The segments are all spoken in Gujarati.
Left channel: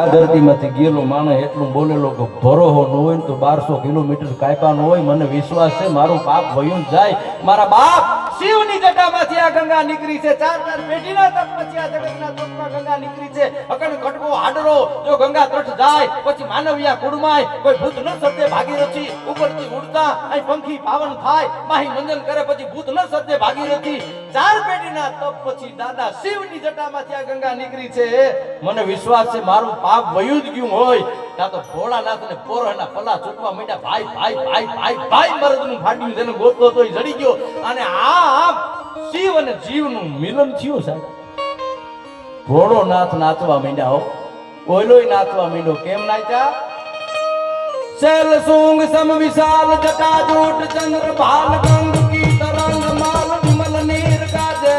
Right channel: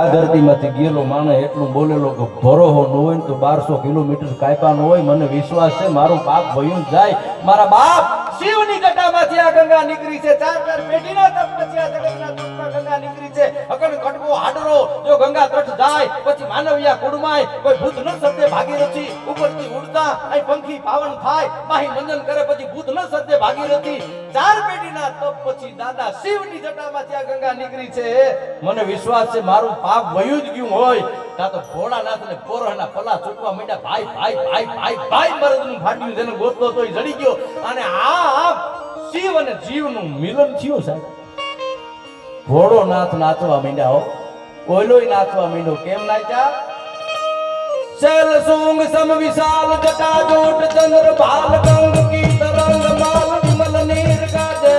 આ ધરતીમાંથી ગયેલો માણસ એટલું બોલેલો કે ભરોહો ન હોય ને તો 1200 કિલોમીટર કાપ્યા ન હોય. મને વિશ્વાસ છે મારું પાપ વયું જાય. મારા બાપ શિવની જટામાંથી આ ગંગા નીકળી છે. ચાર પેઢીના તપ પછી આ જગતના તપમાં ગંગા નીકળી છે. અકણ ખડકો હાડરો જો ગંગા તટ જાય પછી માનવિયા કુડમાય કોઈ ભૂત ન સદે ભાગીરથી ઉપરથી ઉડતા અહીં પંખી પાવન થાય માહી મંજન કરે પછી ભૂત ન સદે ભાગીરથી ચાર પેઢીના તપ પછી દાદા શિવની જટામાંથી આ ગંગા નીકળી છે. મને વિશ્વાસ છે મારું પાપ વયું જ ગયું હોય. ત્યાં તો ભોળાનાથ ને પોરાના પલા છૂટવા માંડ્યા. ભાઈ ભાઈ ભાઈ ભાઈ ભાઈ મરદનું ફાટ્યું જેને ગોતતો તો જડી ગયો. અને આ શિવ અને જીવનું મિલન થયું સાહેબ. ભોળોનાથ નાચવા માંડ્યા હો. ઓલોય નાચવા માંડ્યો. કેમ નાચ્યા? શૈલ સુંગ સમ વિશાલ જટા જોટ ચંદ્ર ભાલ ગંગ કી તરંગ માલ વિમલ નીર કાજે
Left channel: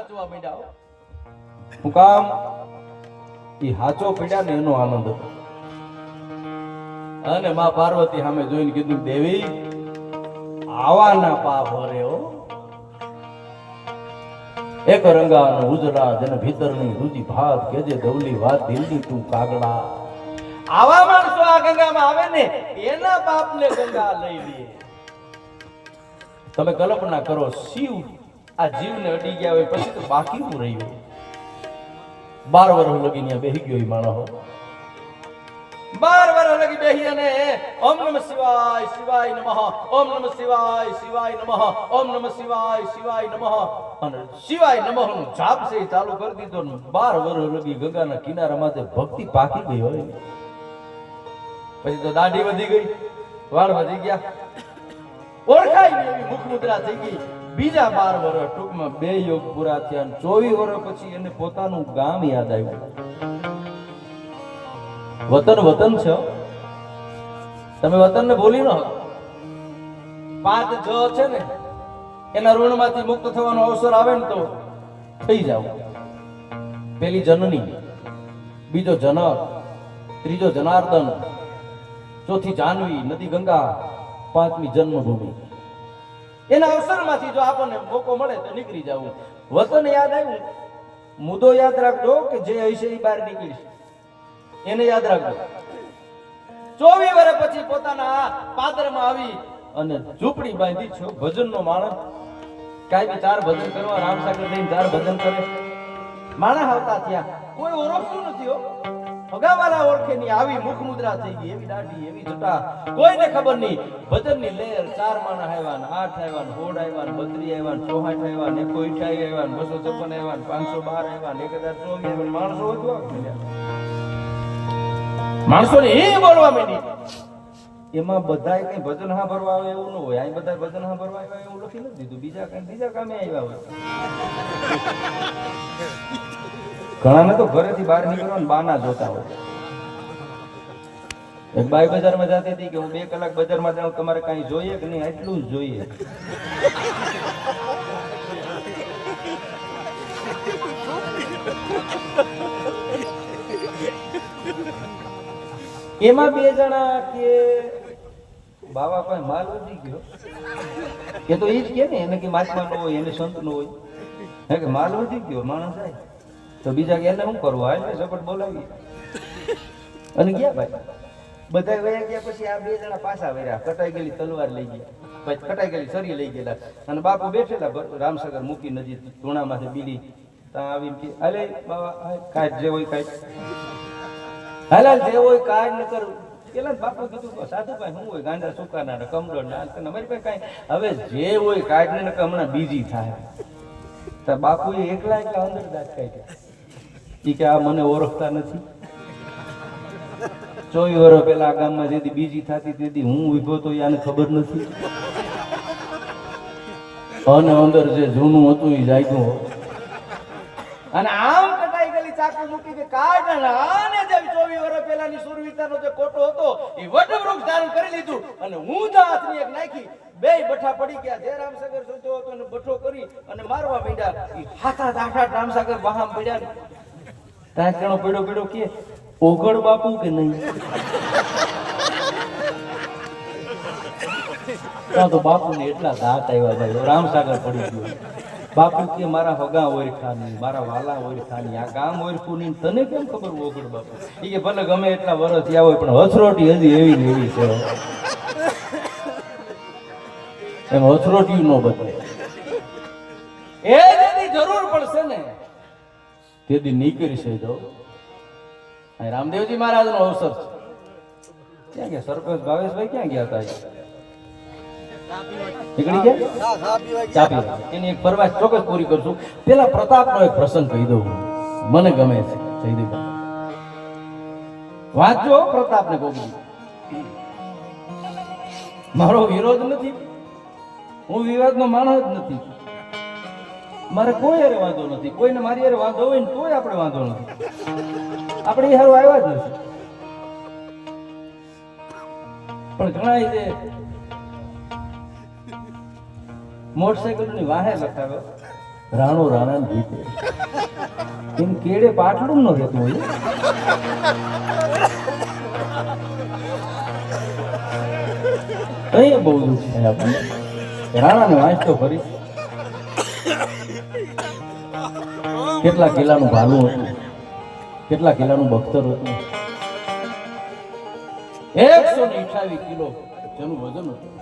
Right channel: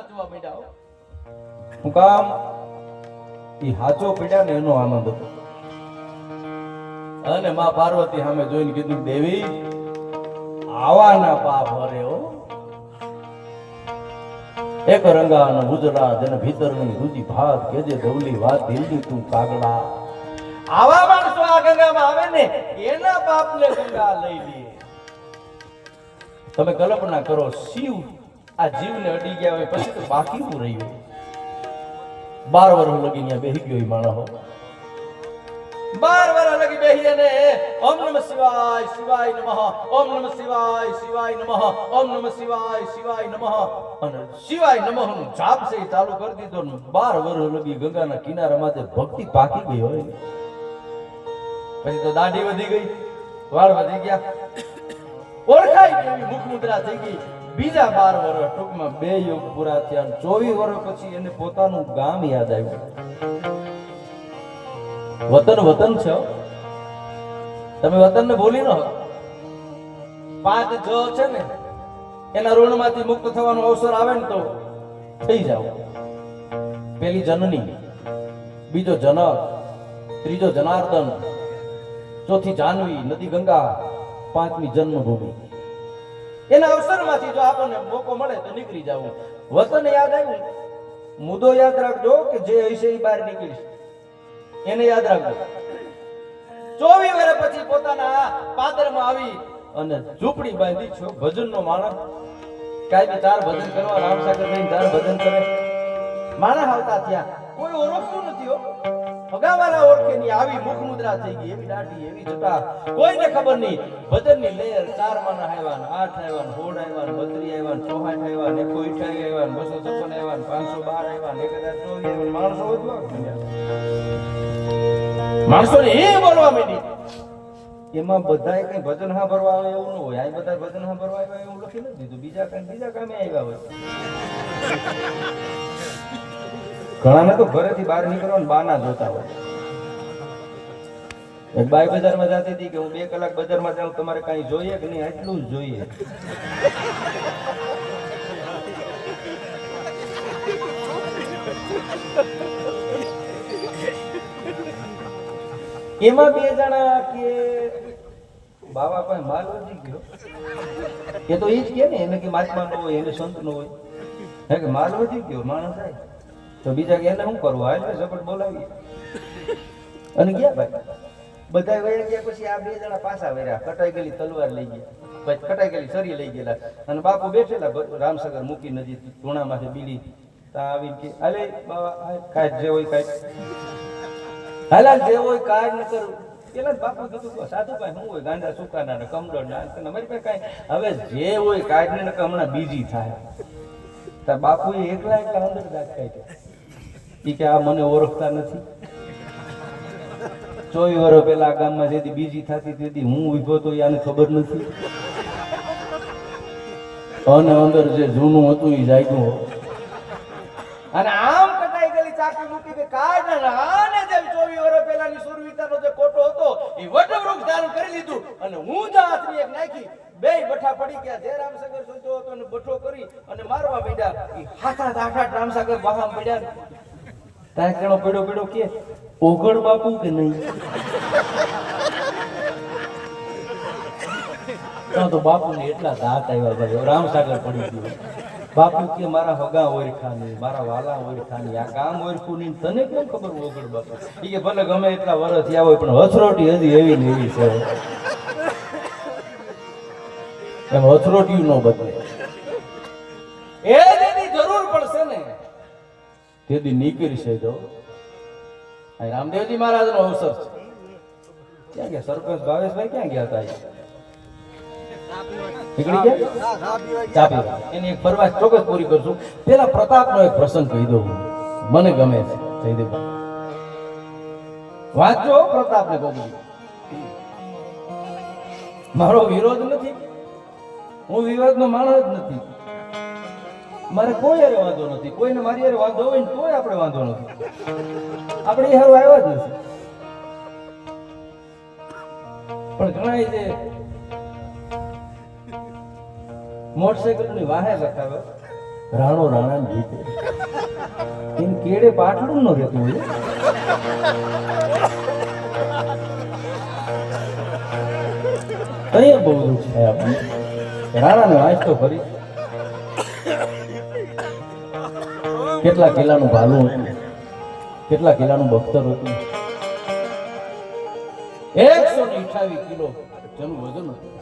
નાચવા માંડ્યા. હું કામ ઈ હાચો પડ્યા ને એનો આનંદ હતો. અને માં પાર્વતી સામે જોઈને કીધું, દેવી આવાના પાપ હરે હો. એક રંગાનો ઉજળા જેને ભીતરની રુચિ ભાત કેજે ધવલી વાત દિલની તું કાગડા. આવા માણસો આ ગંગામાં આવે ને એના પાપને ગંગા લઈ લે. તમે કલ્પના કરો, શિવ આ જીવને અડી ગયા હોય પછી તો બાકી શું રહ્યું? 12 વર્ષ લગી ત્યાં બેહી ગયો માણસ. 12 વર્ષ લગી બેહી અને ઓમ નમઃ શિવાય શિવાય નમઃ, ઓમ નમઃ શિવાય શિવાય નમઃ, ઓમ નમઃ શિવાય શિવાય નમઃ અને શિવાય નમઃ નું જાપ છે ચાલુ કરી દીધો. 12 વર્ષ લગી ગંગાના કિનારામાં ભક્તિ પાકી ગઈ હોય. પછી તો દાઢી વધી ગઈ, વાળ વધી ગયા, ઓળખાય એવી મુખ મુદ્રા થઈ ગઈ. બીજા 12 વર્ષ ટૂંકમાં 2 યુગ પૂરા થયા. 24 વર્ષ પછી એને પોતાનું ગામ યાદ આવ્યું. વતન વતન છે, તમે વતન ને ભૂલી ન. 5 જ છે ને એના ઋણમાંથી મુક્ત થવાનો અવસર આવે ને તો થઈ જાવ. પેલી જનની, બીજો જનક, ત્રીજો જનાર્દન, ચોથી જાનવી, નદી ગંગા, 5મી જન્મભૂમિ. એના અવસરમાંથી જો આપણને મોકો મળે તો નીકળી જવું. વતન યાદ આવ્યું, મુદ્દો યાદ રાખજો કે જે હશે એ બહાર નીકળીશ, એને યાદ રાખજો. 24 વર્ષ પછી પોતાના પાદરમાં આવી અને ઝૂંપડી બાંધી છો. ભજનનો માણસ કાંઈ 4 ભજન કરવા રામસાગર લઈને 4 ભજન કરે. માણસ આવતા ત્યાં કોઈ ઓળખતું નથી હો. ભગાવાના ઓળખે ની આવી મુખ મુદ્રા થઈ ગઈ, એવી દાઢી, એવી જટા, કોઈને ખબર નહીં. ભજનની લહેર. 4 માણસ આવ્યા, 8 આવ્યા, 16 આવ્યા, 32 આવ્યા, 64 આવ્યા, 128 આવ્યા, 256 આવ્યા, 512 આવ્યા, 1024 આવ્યા. માણસો વધવા માણસોને એ બોલવા માંડી. એમાં બધાય કઈ ભજન સાંભળવા આવે એવું ન હોય. આ બધા ભજન સાંભળવા આવે એવું લખી નથી દીધું. બીજા કામે આવ્યા હોય. ઘણાને તો ઘરેથી બહાર નીકળવા બાના જોતા હોય. એક બાઈ બજારમાં જતી હતી કે હું 2 કલાક બજારમાં જાઉં, તમારે કઈ જોઈએ કે નહીં? આટલું જ જોઈએ. એમાં 2 જણા કે બાબા પાસે માલ વધી ગયો કે તો એ જ કે ને એને કે મહાત્મા નો હોય, એને સંત નો હોય. હે કે માલ વધી ગયો માણસ થાય તો બીજા કે એને શું કરવું? હાલ ઝપટ બોલાવી અને ગયા ભાઈ. બધા વયા ગયા. પછી આ 2 જણા પાછા વર્યા. કટાઈ ગયેલી તલવાર લઈ ગયા, પછી કટાઈ ગયેલી સરી લઈ ગયેલા અને બાપુ બેઠેલા રામસાગર મૂકી નદી ધૂણામાંથી બીડી. ત્યાં આવીને કે હાલે બાબા કાઢ જે હોય કાઢ, હાલ જે હોય કાઢ ન કરવું. પેલા બાપુ કીધું સાધુ ભાઈ શું હોય? ગાંડા સુકાના ને કમળો ના અમારી પાસે કાંઈ. હવે જે હોય કાઢ ને હમણાં બીજી થાય. બાપુ એકલા અંદર દાખાય છે. ઈ કે આ મને ઓળખતા નથી. 24 વર્ષ પહેલા આ ગામમાં જેથી બીજી થતી તેથી હું ઉભો તો આને ખબર નથી. અને અંદર જે જૂનું હતું એ જાગ્યું. અને આમ કટાઈ ગયેલી ચાકુ મૂકી કે કાઢ આને જે 24 વર્ષ પહેલાની સુરવીરતાનો જે કોટો હતો એ વટવૃક્ષ ધારણ કરી લીધું અને હું જ હાથની એક નાખી. 2 બઠા પડી ગયા. જે રામસાગર સંતો હતો ને બઠો કરી અને મારવા માંડ્યા. એ હાથા આઠ રામસાગર બહામ પડ્યા. ત્યાં કેણો પડ્યો કે ઓગળ બાપુ કે નહીં? તો બાપુ ને એટલા દાંત આવ્યા ભાઈ. રામસાગર પડી ગયો. બાપુ કે મારા વગા ઓરખાની, મારા વાલા ઓરખાની, આ ગામ ઓરખું નહીં, તને કેમ ખબર ઓગળ બાપુ? એ કે ભલે ગમે એટલા વર્ષ થયા હોય પણ હથરોટી હજી એવી ને એવી છે. એમ હથરોટી નો બદલે. એ જેની જરૂર પડશે ને તેથી નીકળશે. જો રામદેવજી મહારાજ નો અવસર છે. ક્યાં ગયા સરપંચ ભાવેશભાઈ? ક્યાં ગયા હતા? નીકળી ગયા ચાપી. એની એક ફરમાઈશ ચોક્કસ પૂરી કરશું. પેલા પ્રતાપનો એક પ્રસંગ કહી દઉં, મને ગમે છે. જયદેવ વાંચો પ્રતાપને ગોગડી. મારો વિરોધ નથી, હું વિવાદનો માણસ જ નથી. મારે કોઈ હારે વાંધો નથી. કોઈને મારી હારે વાંધો હોય ને તોય આપણે વાંધો નથી. આપણે એ હારું આવ્યા જ નથી. પણ ઘણા જે મોટરસાયકલ ની વાહે લખાવ્યો રાણો રાણા જીતે એમ કેડે પાટલું ન રહેતું હોય કઈ બહુ દુઃખ છે આપણે રાણાને વાંચ તો ખરી કેટલા કિલ્લાનું ભાલું હતું કેટલા કિલ્લાનું બખ્તર હતું 128 કિલો જેનું વજન હતું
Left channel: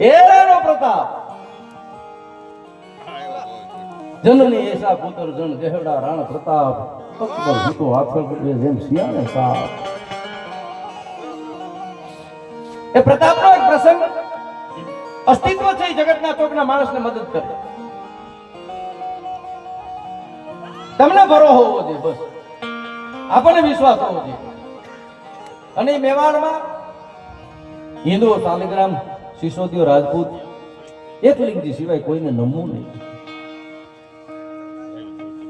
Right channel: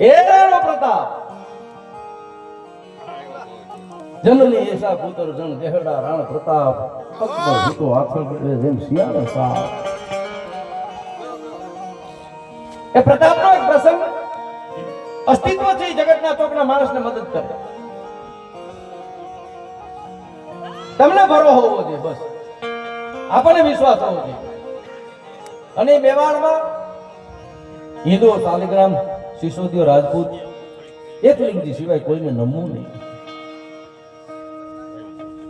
એ રાણો પ્રતાપ જનની એસા પુત્ર જન દેહડા રાણા પ્રતાપ અકબર જીતો આખર કરે જેમ શિયાળે સાપ એ પ્રતાપનો એક પ્રસંગ અસ્તિત્વ છે એ જગતના ચોકના માણસને મદદ કરે તમને ભરો હોવો જોઈએ બસ આપણને વિશ્વાસ હોવો જોઈએ અને મેવાડમાં હિન્દુઓ શાલિગ્રામ સિસોદીઓ રાજપૂત એકલિંગજી સિવાય કોઈને નમવું નહીં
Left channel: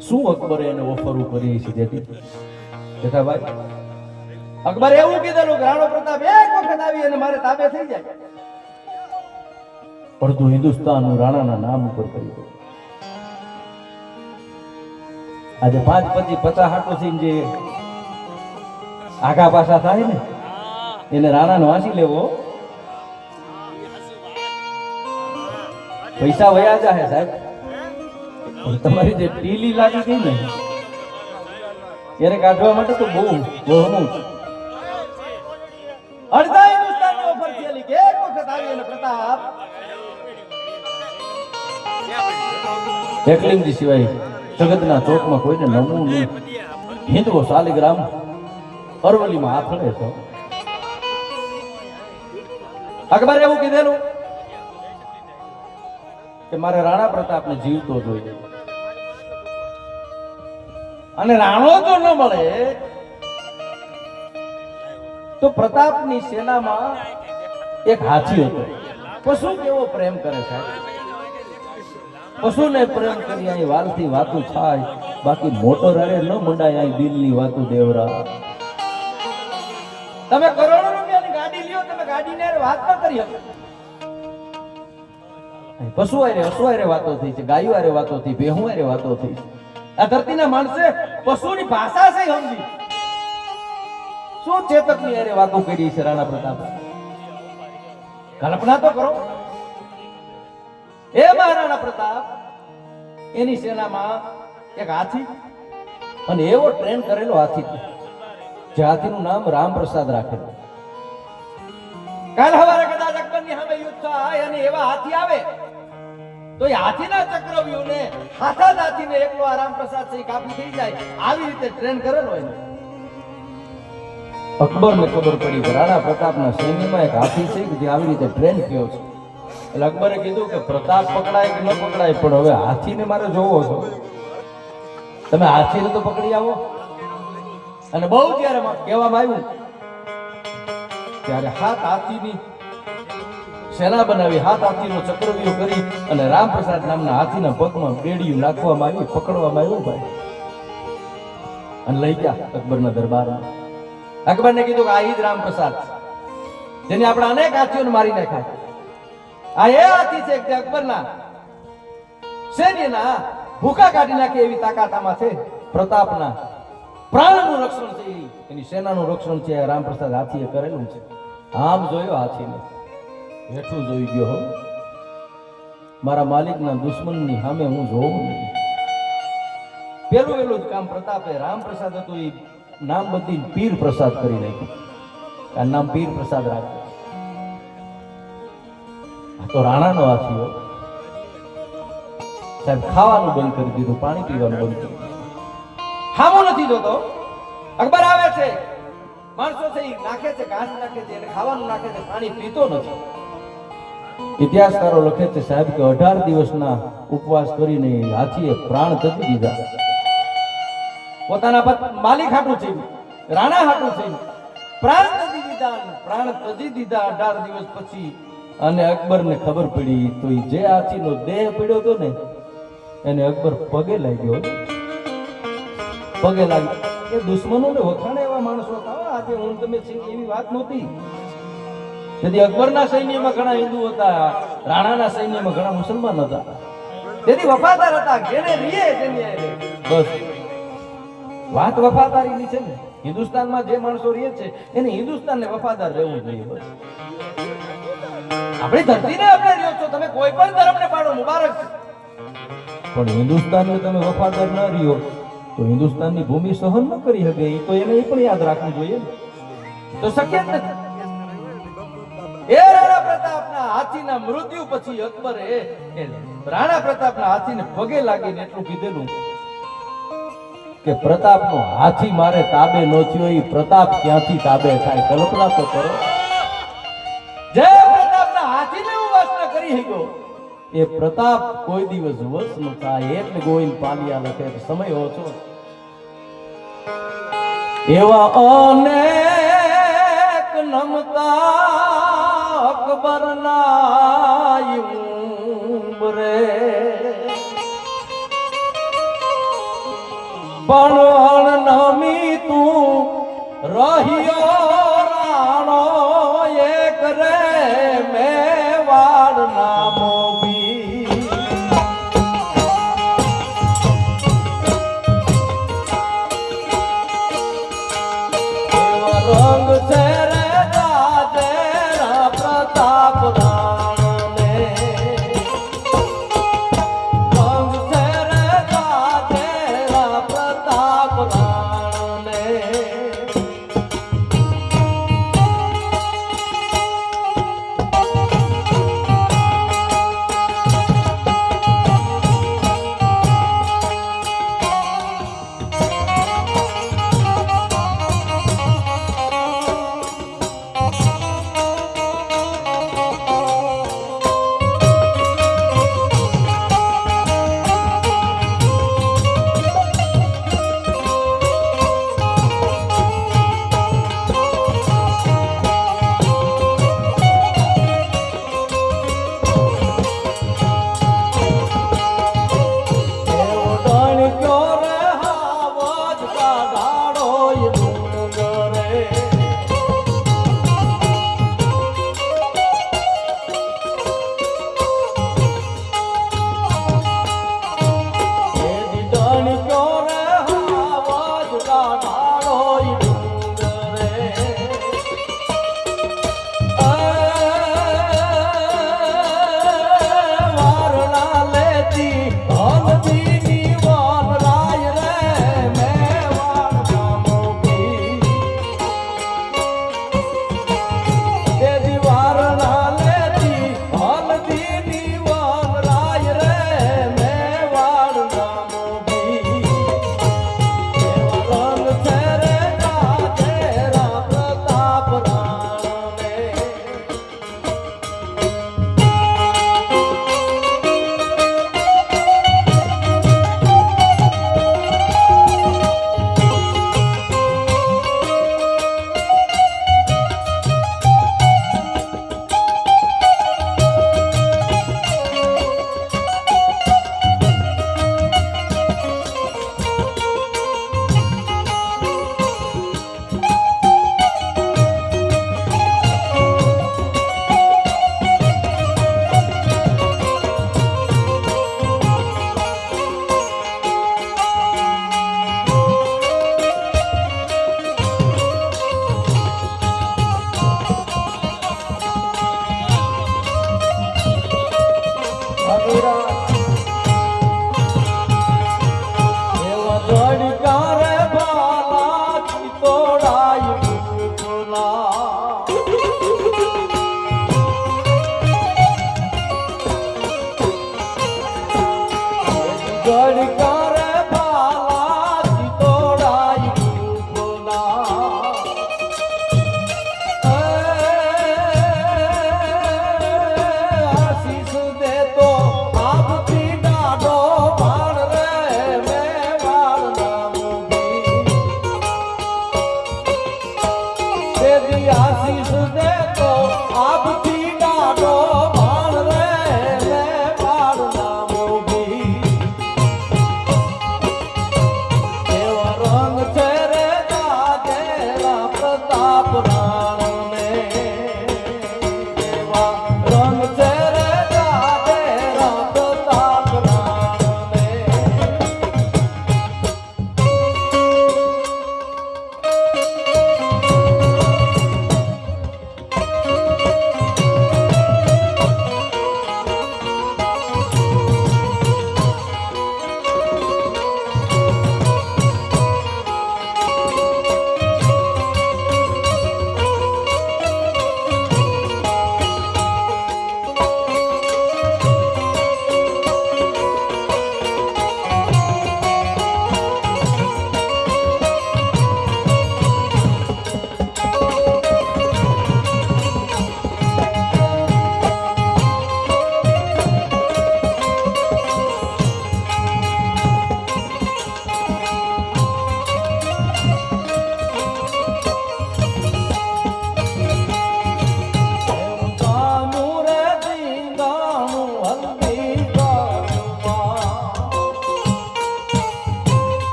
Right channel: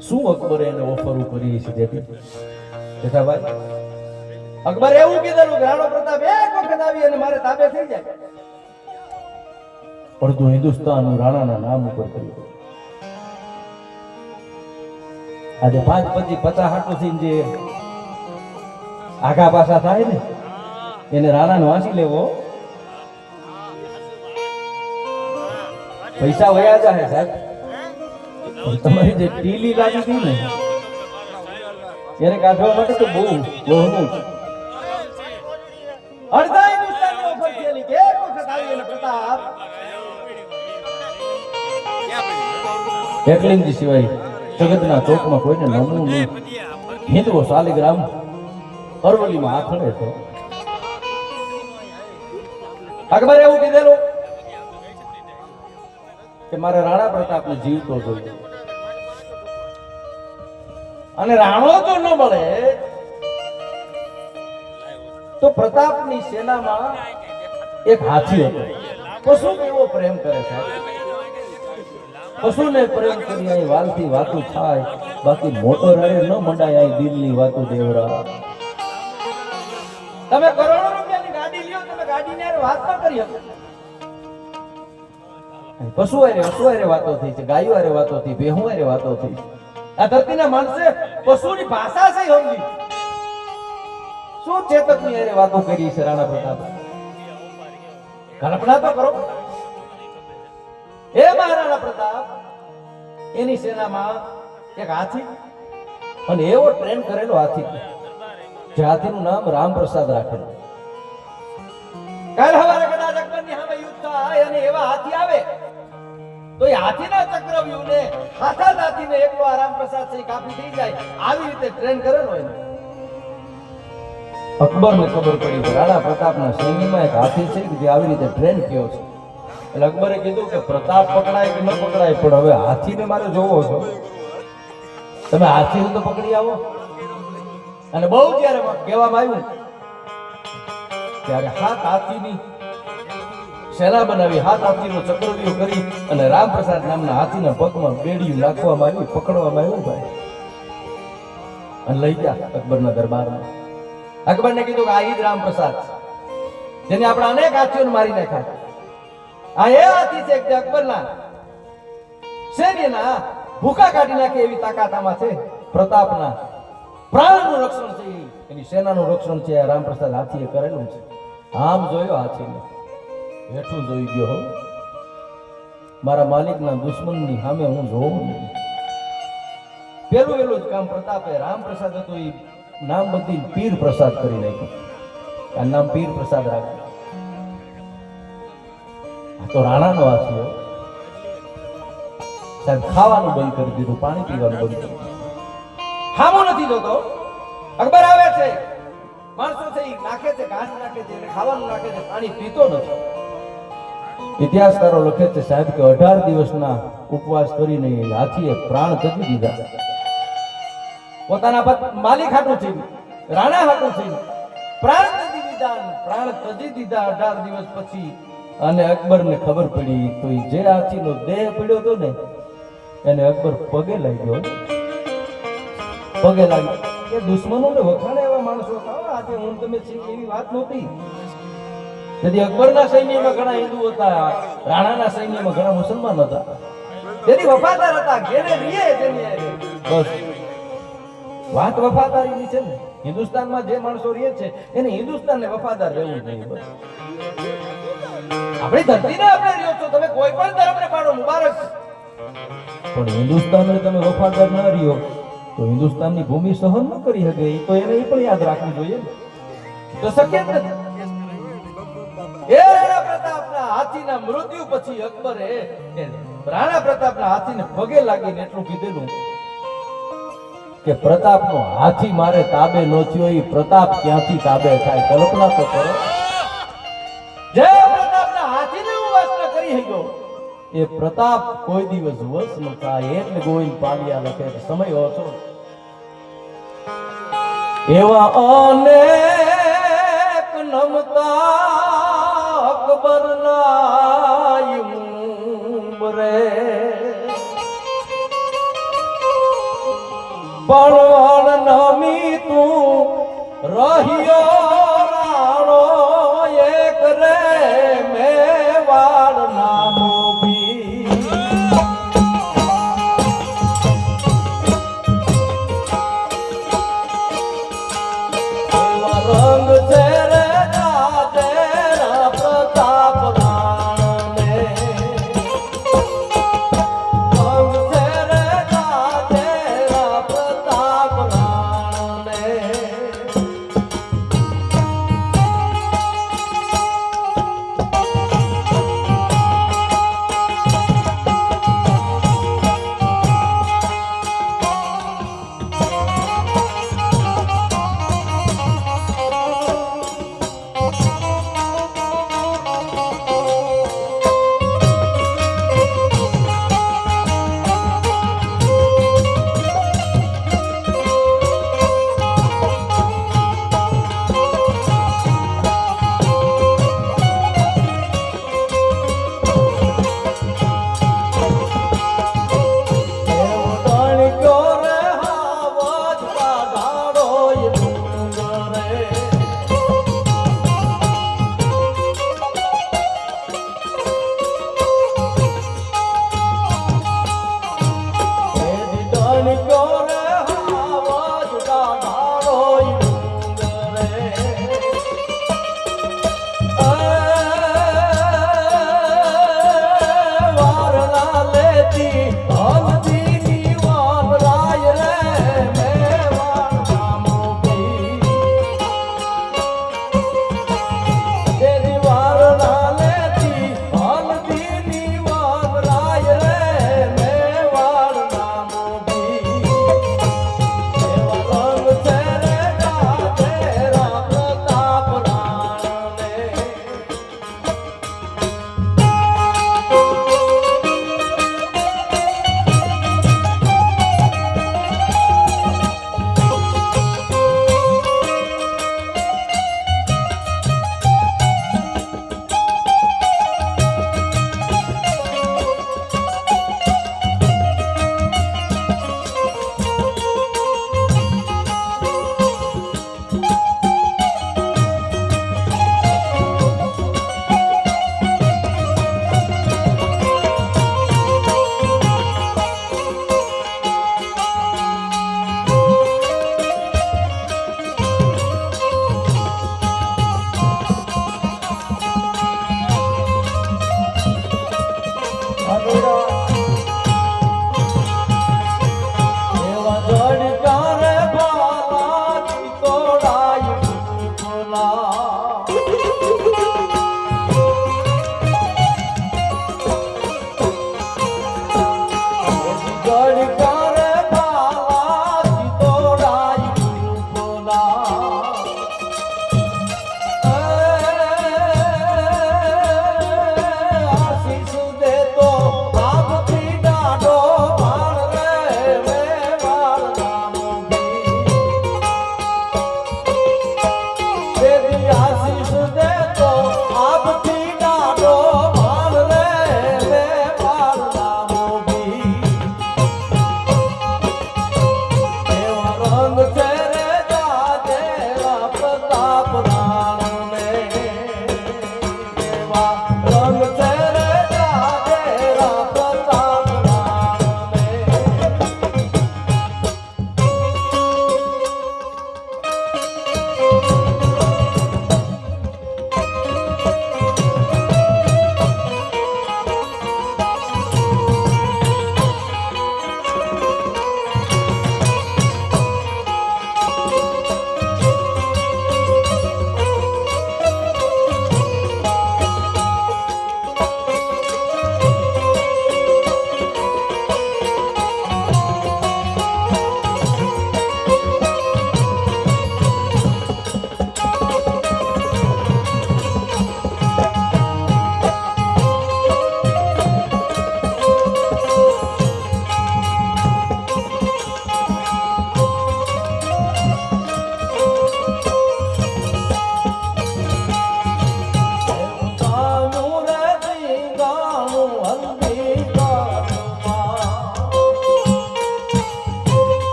શું અકબરે એને ઓફર કરી છે તેથી જેઠાભાઈ અકબર એવું કીધેલું રાણો પ્રતાપ એક વખત આવી અને મારે તાબે થઈ જાય અડધું હિન્દુસ્તાન રાણાના નામ ઉપર કરી દઉં આજે 5 25 50 હાટો થઈને જે આગા પાછા થાય ને એને રાણાને વાંચી લેવો પૈસા વયા જાય સાહેબ તમારી જે ટીલી લાગી ગઈ ને એને કાઢવા માટે તો બહુ બહુ અડધા હિન્દુસ્તાનની ઓફર થયેલી કે એક વખત આવી અને પ્રતાપ એકલિંગજી સિવાય જગતના ચોકમાં કોઈને નમવું નહીં હિન્દુઓ શાલિગ્રામ અરવલ્લીમાં આખડે છે અકબરે એવું કીધેલું કે મારે રાણા પ્રતાપને જીવતો જોઈએ અને રાણો જો ન મળે તો પ્રતાપની સેનામાં એક હાથી હતો પશુ કેવો પ્રેમ કરે સાહેબ પશુને પ્રેમ કરી અહીં વાલથી વાતું થાય બાકી મોટો રાડે ન મંડાય અહીં દિલની વાતું દેવરા તમે કરોડો રૂપિયાની ગાડી લ્યો તમે ગાડીને વાત ન કરી શકો પશુ આરે અશ્વ આરે વાતો થઈ છે ગાયો આરે વાતો થઈ ભેહું આરે વાતો થઈ આ ધરતીના માણસે પશુની ભાષા છે સમજી શું ચેતકની આરે વાતો કરી છે રાણા પ્રતાપ કલ્પના તો કરો એ મહારાણા પ્રતાપ એની સેનામાં એક હાથી અને એવો ટ્રેન કરેલો હાથી જે હાથીનું નામ રામપ્રસાદ રાખેલું કાલ હવારે કદાચ અકબરની સામે યુદ્ધ થાય અને એવા હાથી આવે તો એ હાથીના ચક્રવ્યૂહને હાથા હાથીને એકલો રામપ્રસાદ છે કાપી થઈ જાય આવી રીતે ટ્રેન કરેલો હોય અકબરને ખબર પડી કે રાણા પ્રતાપના સૈન્યમાં એક હાથી છે કે જે આવી રીતે ટ્રેન થયો છે એટલે અકબરે કીધું કે પ્રતાપ પકડાય કે ન પકડાય પણ હવે હાથીને મારે જોવો છો તમે હાથીને તો પકડી આવો અને બહુ જ્યારે કહેવામાં આવ્યું ત્યારે હાથીની સેના બનાવી હાથીનો ચક્રવ્યૂહ કરી અને રામપ્રસાદ નામના હાથીના પગમાં બેડિયું નાખવામાં આવી પકડવામાં આવ્યો ભાઈ અને લઈ ગયા અકબરના દરબારમાં અકબરને કીધું કે આ ઈદ રામપ્રસાદ જેને આપણે અનેક હાથીઓને મારી નાખ્યા આ એ હાથી છે કે અકબરના સૈન્યના ભૂખા કાઢી નાખે એવી તાકાત આમાં છે પ્રતાપના પ્રાણનું રક્ષણ છે એની સેનાનું રક્ષણ છે રામપ્રસાદ હાથીએ કરેલું છે આમ જોયો હાથીને હેઠું જોઈ ગયો હો મારા માલિકના દુશ્મનની સામે હું જોઉં નહીં પેલું જ કામ પ્રતાપે રામપ્રસાદ હતો એ નામ બદલી પીર પ્રસાદ કરી નાખ્યું આ નામ પીર પ્રસાદ રાખ્યું તો રાણાનો હાથીઓ સાહેબ ખાવાનું બંધ કરી દીધું પાણી પીવાનું બંધ કરી દીધું ખાવું નથી જોતો અકબર આવે છે માણસો છે એ નાખે છે ઘાસ નાખે છે એટલે ખાવાનું નાખે છે પાણી પીતો નથી ઇતિહાસકારો લખે છે સાહેબ કે 18 દિવસના ઉપવાસ કરીને હાથીએ પ્રાણ ત્યજી દીધા પોતાના માલિક હાટું છે રાણા હાટું છે પ્રાણ ત્યજી દીધા 18 દિવસ પછી અને અકબરને ખબર પડી તો જે હાથીનો દેહ પડ્યો હતો ને એને અકબર પગે લાગ્યો એ દુશ્મનોને વખાણે એવા માણસો આજે હું તમે એવી વાત નહોતી તેથી અકબરના સૈન્યમાં ઘણા હિન્દુ હતા રાણાના સૈન્યમાં ઘણા મુસલમાન હતા તેની વફાદાર હતા ઘેરે રીએ તેની હારે. બસ વાત વફાદારીની છે ને. હિન્દુસ્તાનમાં જે માણસો રહે છે એને હિન્દુસ્તાનને વફાદાર રહેવું જોઈએ. બસ આપણી ધરતીને આપણે રહ્યો છો, તમે કોઈ પણ ધર્મને પાડો મુબારક છે. પણ હિન્દુસ્તાનને તમે વફાદાર ના રહ્યો તો હિન્દુસ્તાનની ભૂમિ સહન ન કરી શકે. એ તો એને પણ યાદ રાખવું જોઈએ. તો શક્ય જ નથી. એ રાણા પ્રતાપના હાથીના મૃત્યુ પછી અકબરે રાણા પ્રતાપના હાથીને પગે લાગીને એટલું કીધેલું કે પ્રતાપનો હાથી મારે તાબે ન થયો, એ પ્રતાપ ક્યાંથી તાબે થાય? કલ્પના તો કરો. જય પ્રતાપના હાથીને હું વશ ન કરી શક્યો, એ પ્રતાપ કોઈ દિવસ વશ ન થાય. એટલે ગોવિંદ પાલિયા લખે કે સમય ઓછો. એવા અનેક નમતા અકબરના ઉમરે પણ નમી તું રહ્યો રાણો એક રે મેવાડ નામો બી. એવા રંગ છે રે રાજા પ્રતાપ રાણને, રંગ છે રે રાજા પ્રતાપ રાણને.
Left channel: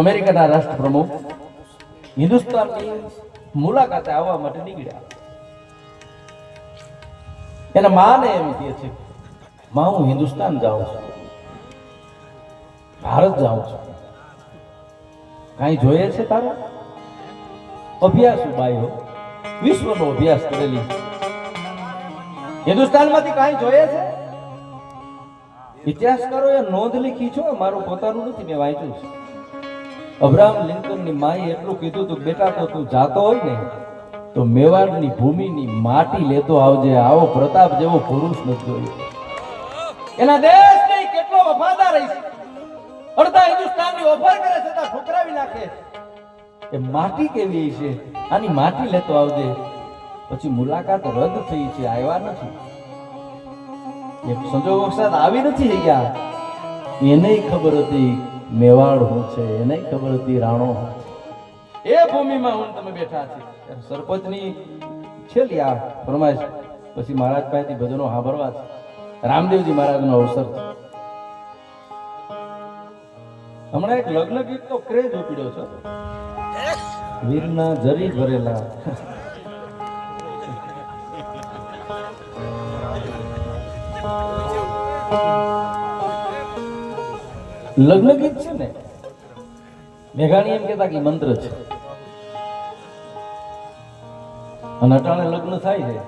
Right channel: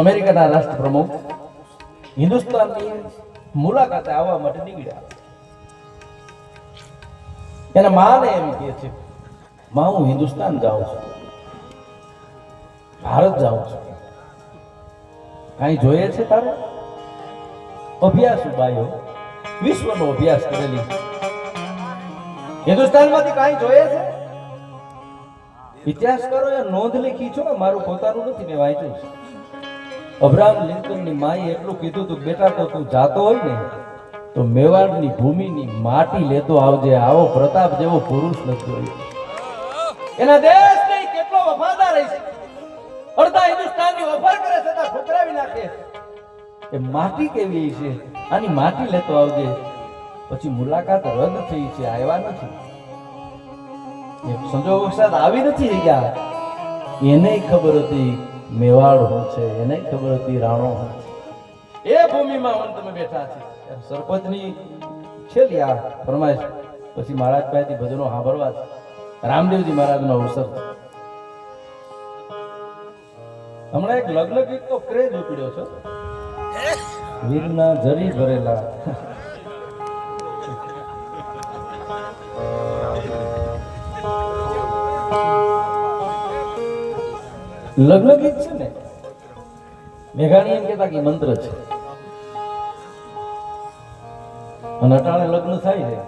અમેરિકાના રાષ્ટ્રપ્રમુખ હિન્દુસ્તાનની મુલાકાતે આવવા માટે નીકળ્યા. એના માને એમ કહે છે, માં હું હિન્દુસ્તાન જાઉં છું, ભારત જાઉં છું, કાંઈ જોઈએ છે તારે? અભ્યાસ બાયો વિશ્વનો અભ્યાસ કરેલી, હિન્દુસ્તાનમાંથી કાંઈ જોઈએ છે? ઇતિહાસકારોએ નોંધ લીખી છો, મારું પોતાનું નથી, મેં વાંચ્યું છે. અબ્રાહમ લિંકનની માએ એટલું કીધું તું, બેટા તો તું જાતો હોય ને તો મેવાડની ભૂમિની માટી લેતો આવજે, આવો પ્રતાપ જેવો પુરુષ નથી જોયો. એના દેશ નહીં કેટલો વફાદાર છે, અડધા હિન્દુસ્તાનની ઓફર કરે છતાં ઠુકરાવી નાખે. એ માટી કેવી છે, આની માટી લેતો આવજે. પછી મુલાકાત રદ થઈ છે, આવ્યા નથી. એક સંજોગવશાત આવી નથી ગયા. એને ખબર હતી મેવાડ હું છે, એને ખબર હતી રાણો હું છે. એ ભૂમિમાં હું તમે બેઠા છે. સરપંચની છેલ્લી આ ફરમાઈશ પછી મહારાજ પાસેથી ભજનો સાંભળવા છે. રામદેવજી મહારાજનો અવસર છે. હમણાં એક લગ્ન ગીત તો ક્રેઝ ઉપડ્યો છે, વીરના જરી ભરેલા. લગ્ન ગીત છે ને, મેઘાણી એમ કહેતા કે મંત્ર છે. અને અટાણે લગ્ન થાય છે,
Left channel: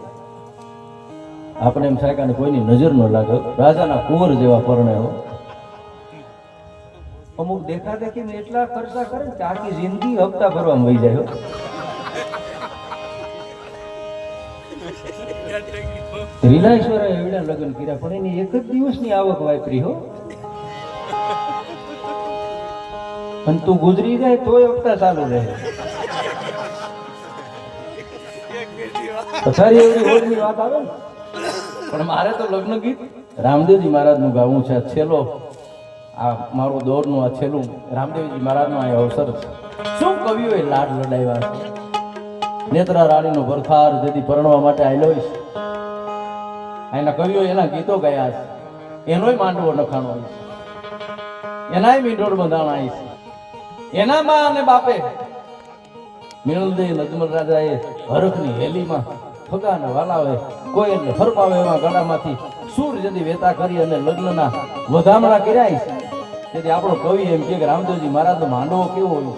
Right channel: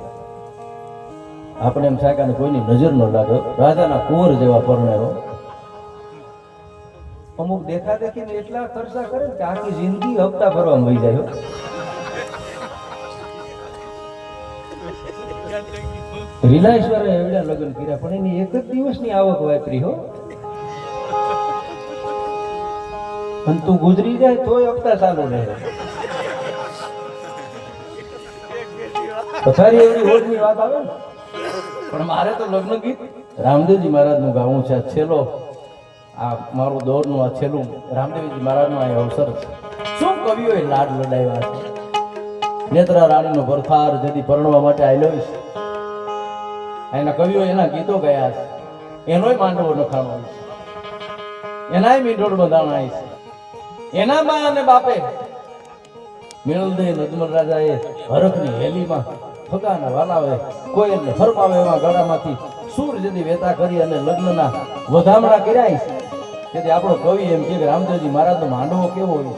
આપણે એમ થાય કે કોઈની નજર ન લાગે, રાજાના કુંવર જેવા પરણેવો. અમુક દેખા દેખીને એટલા ખર્ચા કરે કે આખી જિંદગી હપ્તા ભરવામાં વહી જાય. રિલાયન્સ વાળા એવડા લગ્ન કર્યા પણ એની એક જ દિવસની આવક વાપરી હો. અને તું ગુજરી જાય તોય હપ્તા ચાલુ રહે. પથારી એવડી રોજની વાત આવે ને. પણ મારે તો લગ્ન ગીત રામદેવજી મહારાજનું ગાવું છે. છેલ્લો આ મારું દોરનું આ છેલ્લું રામદેવજી મહારાજનો આ અવસર છે. શું કવિઓએ લાડ લડાવ્યા છે. નેત્રા રાણીનો ભરથાર જેથી પરણવા માટે આવેલો છે. એના કવિઓ એના ગીતો ગયા છે. એનોય માંડવો નખાણો છે, એનાય મીંઢોળ બંધાણા છે. એના બા અને બાપે મિલદે નજમલ રાજાએ હરખની હેલીમાં ફગાના વાલાઓએ કોઈ એમને ફરપાવે એવા ગળામાંથી સૂર જદી વેતા કરી અને લગ્નના વધામણા કર્યા છે. તેથી આપણો કવિ એમ કે રામદેવજી મહારાજનો માંડવો કેવો હોય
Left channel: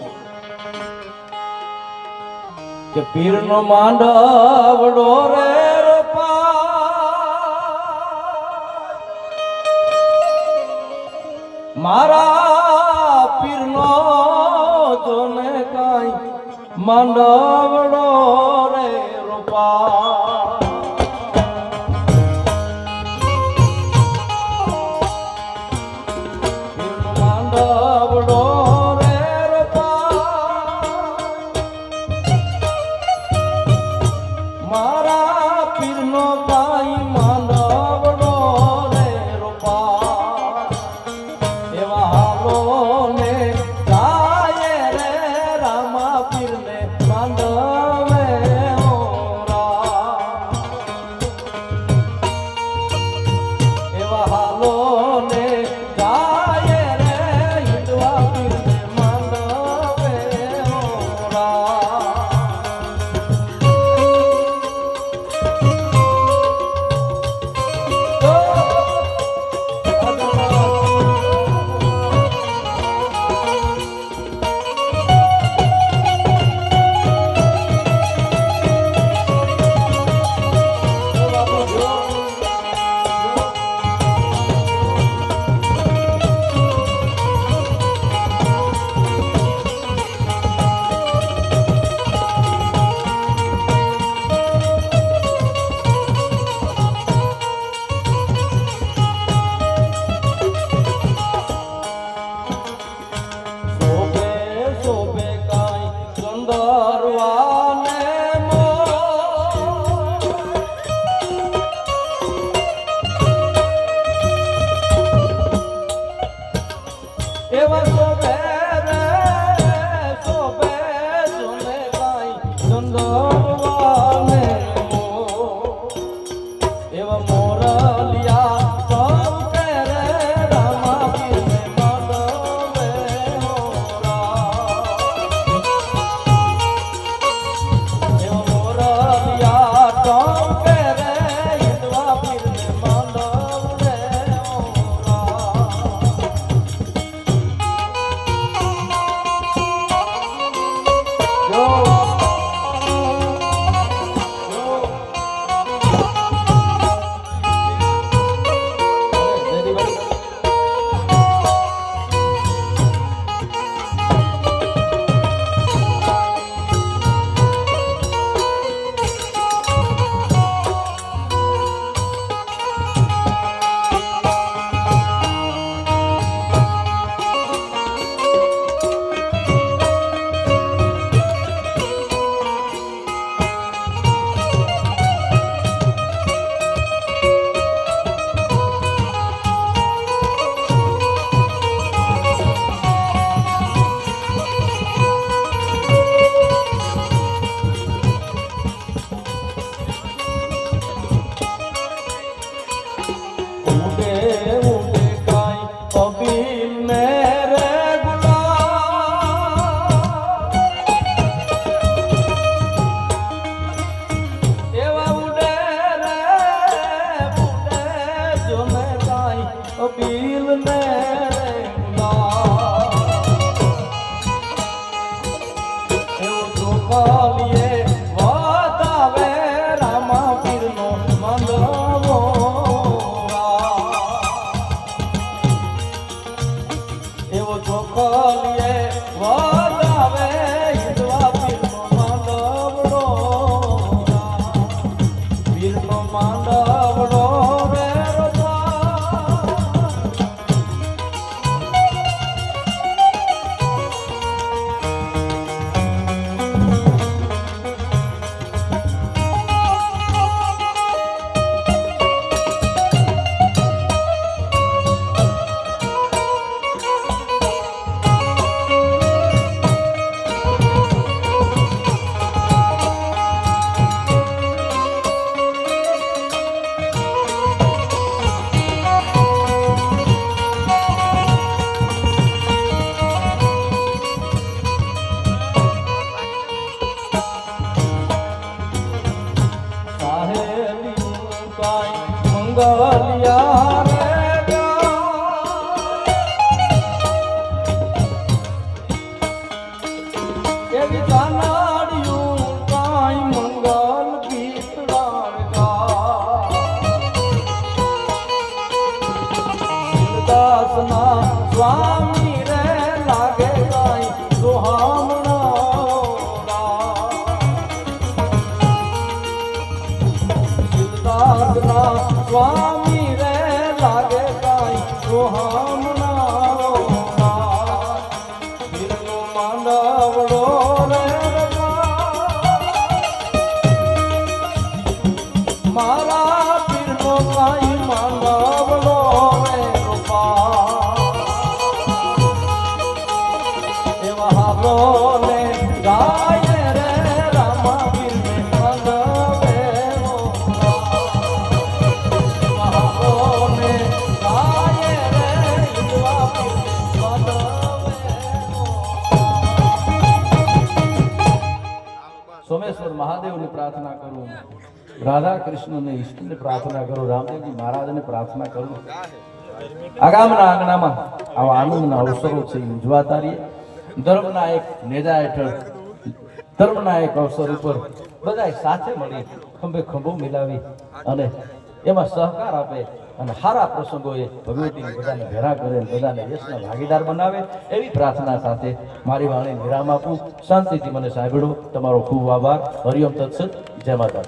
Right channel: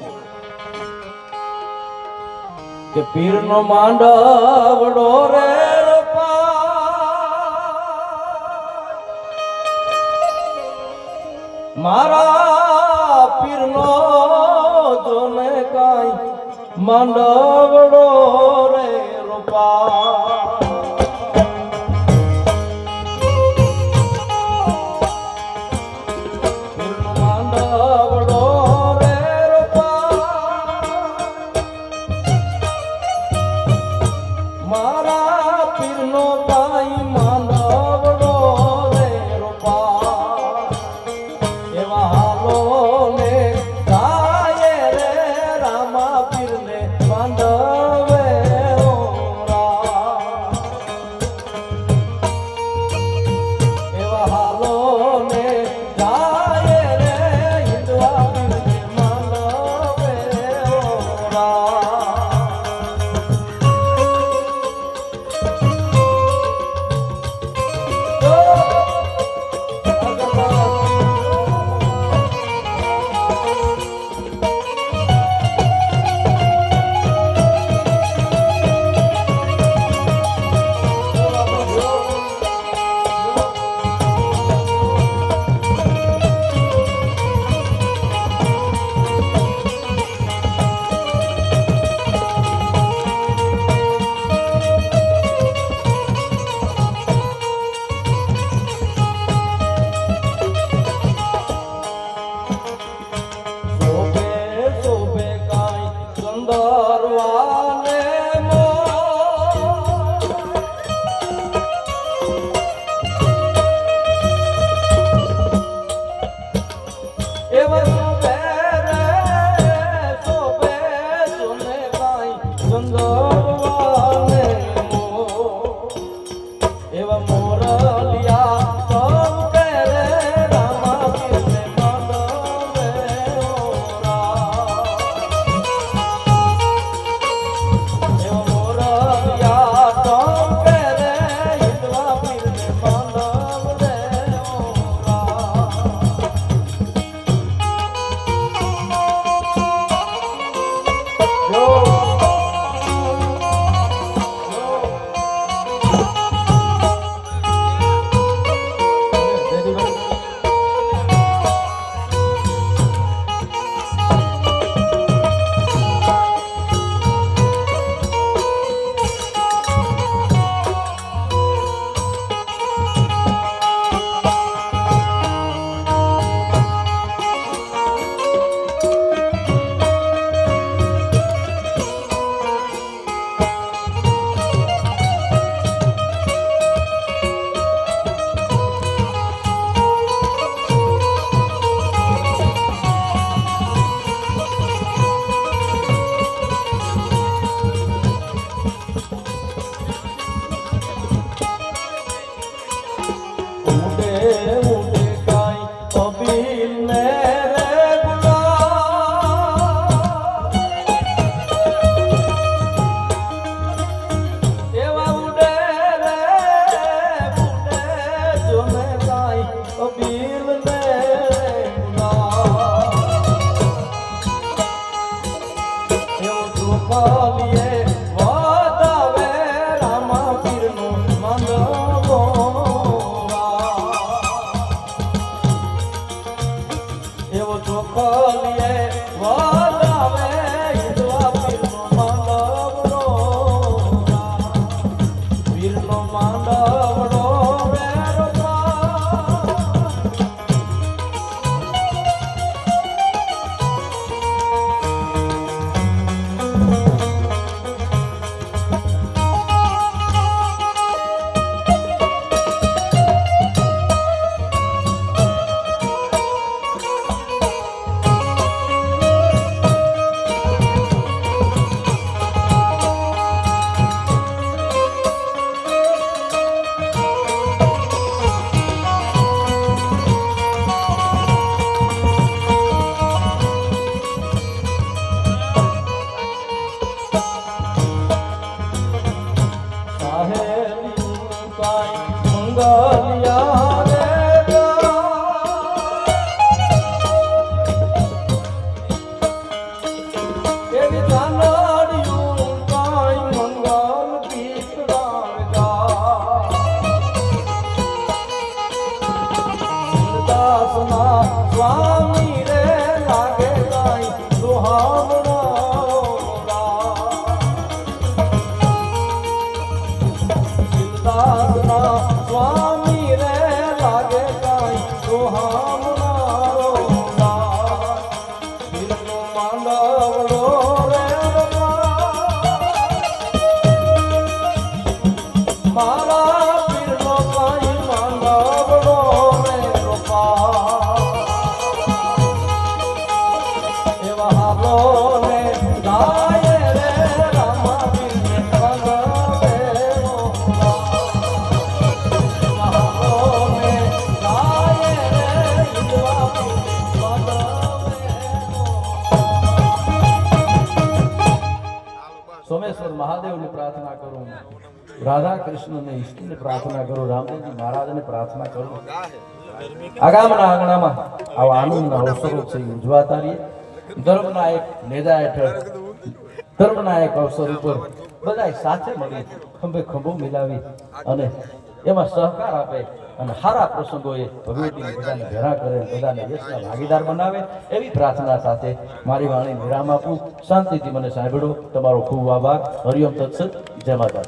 કે પીરનો માંડવડો રે મારા પીરનો જો ને કાંઈ માંડવડો રે રૂપા. પીરનો માંડવડો રે રૂપા મારા પીરનો કાંઈ માંડવડો રે રૂપા. એવા હાલો ને ગાય રે રામા પીરને માંડવ મહાદેવને પ્રાર્થના કરું, રાધા કૃષ્ણને ઈષ્ટને પ્રાર્થના કરું, રામદેવજી મહારાજને પ્રાર્થના કરું. આગામના આંગણામાં આવા આનંદના અવસરો છે એ ઉજવાતા રહીએ. ધર્મના એક નેજા હેઠળ, ધર્મના એક અવસર ઉપર બધા સાથે મળી ખંભે ખંભો મિલાવી અને એમાં સહકાર આપે અને સારા પ્રસંગોએ ભગવતીને બધાને ભેરા કરે, બધાને યશના ભાગીદાર બનાવે એવી પ્રાર્થના સાથે મારી વાણી વિરામ આપું. શાંતિથી મને સાંભળો. તમારો ખૂબ આભાર. હરિઓમ તત્સત. જય માતા.